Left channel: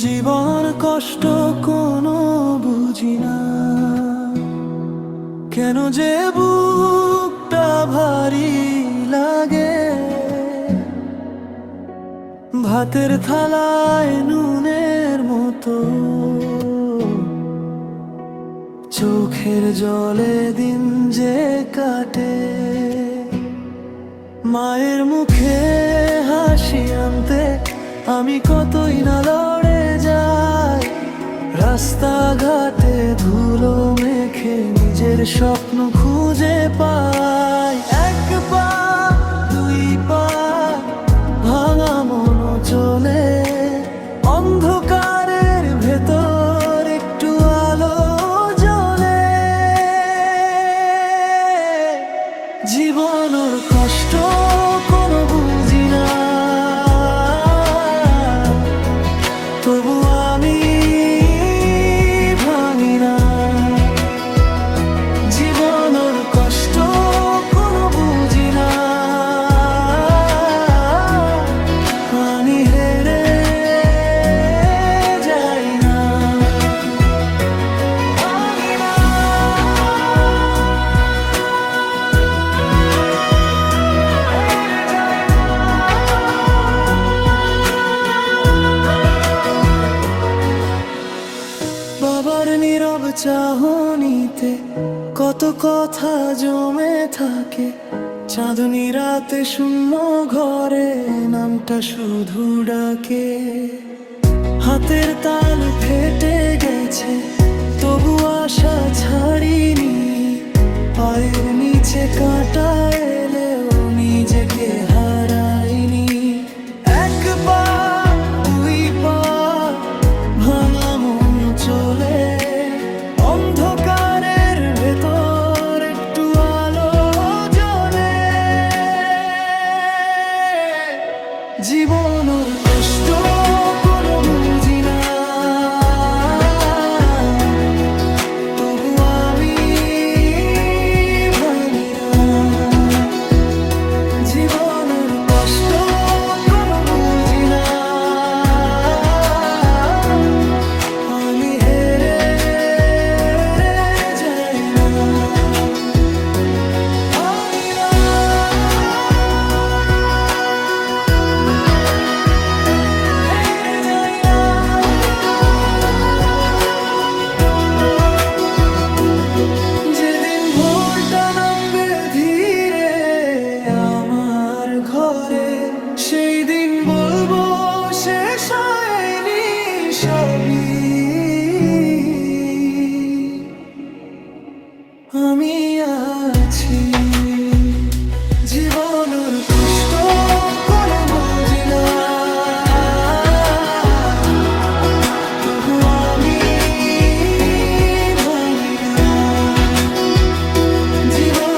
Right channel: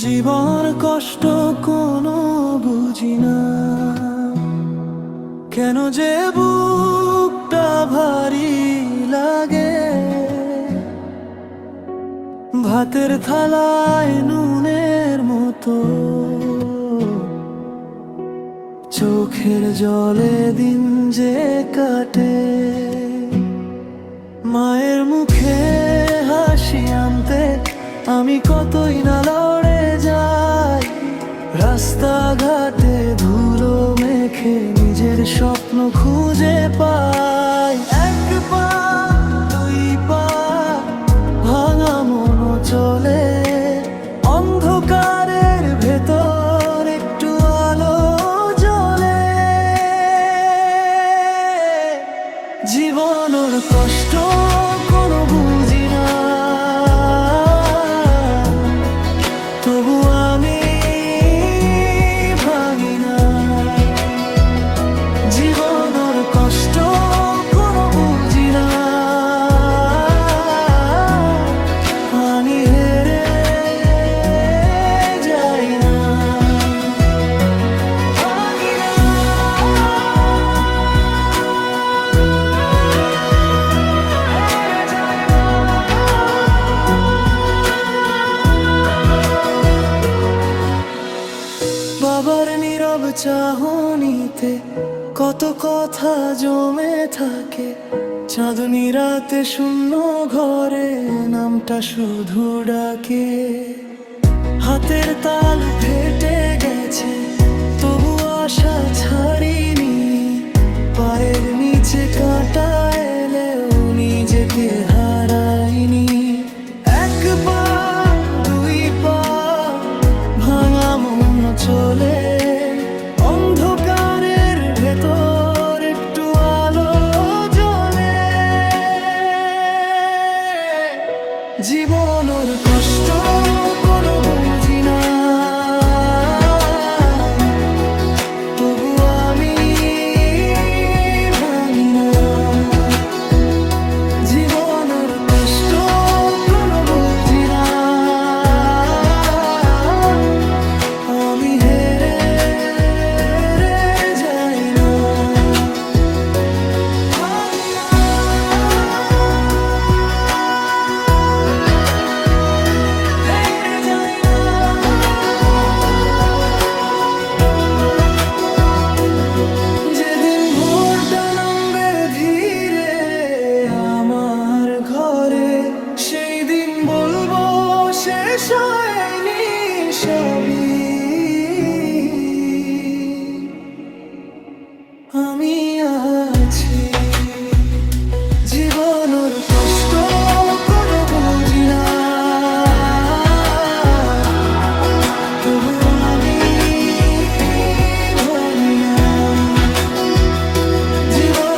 জীবন কষ্ট কোনো বুঝি না, কেন যে বুকটা ভারী লাগে। ভাতের থালায় নুনের মতো চোখের জলে দিন যে কাটে। মায়ের মুখে হাসি আনতে আমি কতই না লড়ে যাই। রাস্তাঘাটে ধুলো মেখে নিজের স্বপ্ন খুঁজে পাই। এক পা দুই পা ভাঙা মনও চলে, অন্ধকারের ভেতর একটু আলো জ্বলে। জীবনের কষ্ট কোনো বুঝি না, তবু আমি ভাঙি না। জীবনের কষ্ট কোনো বুঝি না, আমি হেরে যাই না। ভাঙি না, হেরে যাই না। বাবার নীরব চাহনিতে কত কথা জমে থাকে। চাঁদনি রাতে শূন্য ঘরে নামটা শুধু ডাকে। হাতের তালু ফেটে গেছে তবু আশা ছাড়িনি। পায়ের নিচে কাঁটা এলেও নিজেকে হারাইনি। এক পা দুই পা ভাঙা মন চলে, অন্ধকারের ভেতর একটু আলো জ্বলে। জীবনের কষ্ট কোনো বুঝি না, তবু আমি ভাঙি না। জীবনের কষ্ট কোনো বুঝি না, আমি হেরে যাই না। ভাঙি না, হেরে যাই না। যেদিন ভোরটা নামবে ধীরে আমার ঘরে, সেই দিন বলবো শেষ হয়নি সবই। আমি আছি, জীবনের কষ্ট কোনো বুঝি না, তবু আমি ভাঙি না। জীবন